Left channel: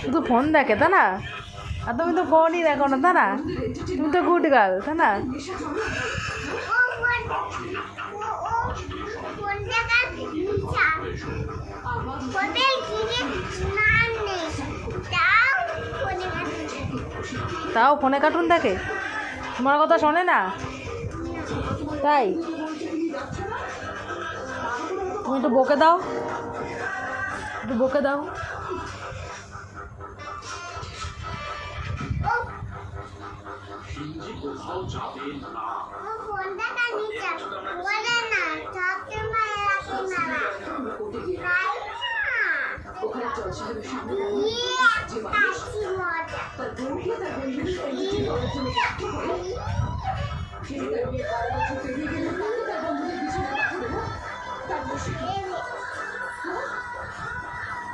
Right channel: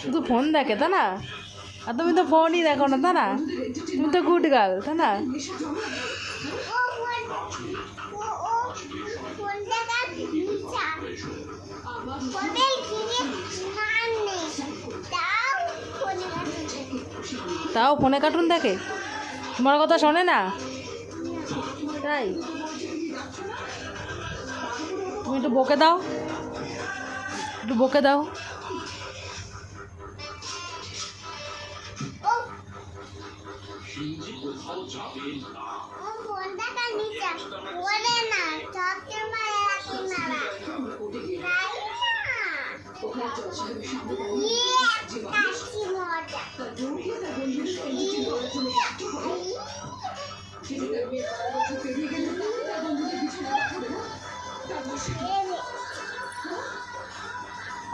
শুধু ফোন দেখে তা না? আর তুমি তো ফোনই দেখো না তা না? তুমি তো গুড গার্ল তা না? তাও ফোনে কার্টুন দেখে? তোমার কথা শোনে না? তাই তুমি একটু বকে দাও, একটু বকে দাও।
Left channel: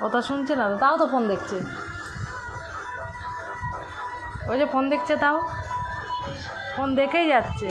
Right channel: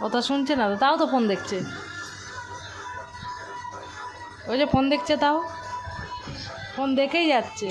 কথা শুনছে না তো, তাও তো ফোন দেখছে। ওই যে ফোন দেখছে, তাও ফোন দেখেই যাচ্ছে।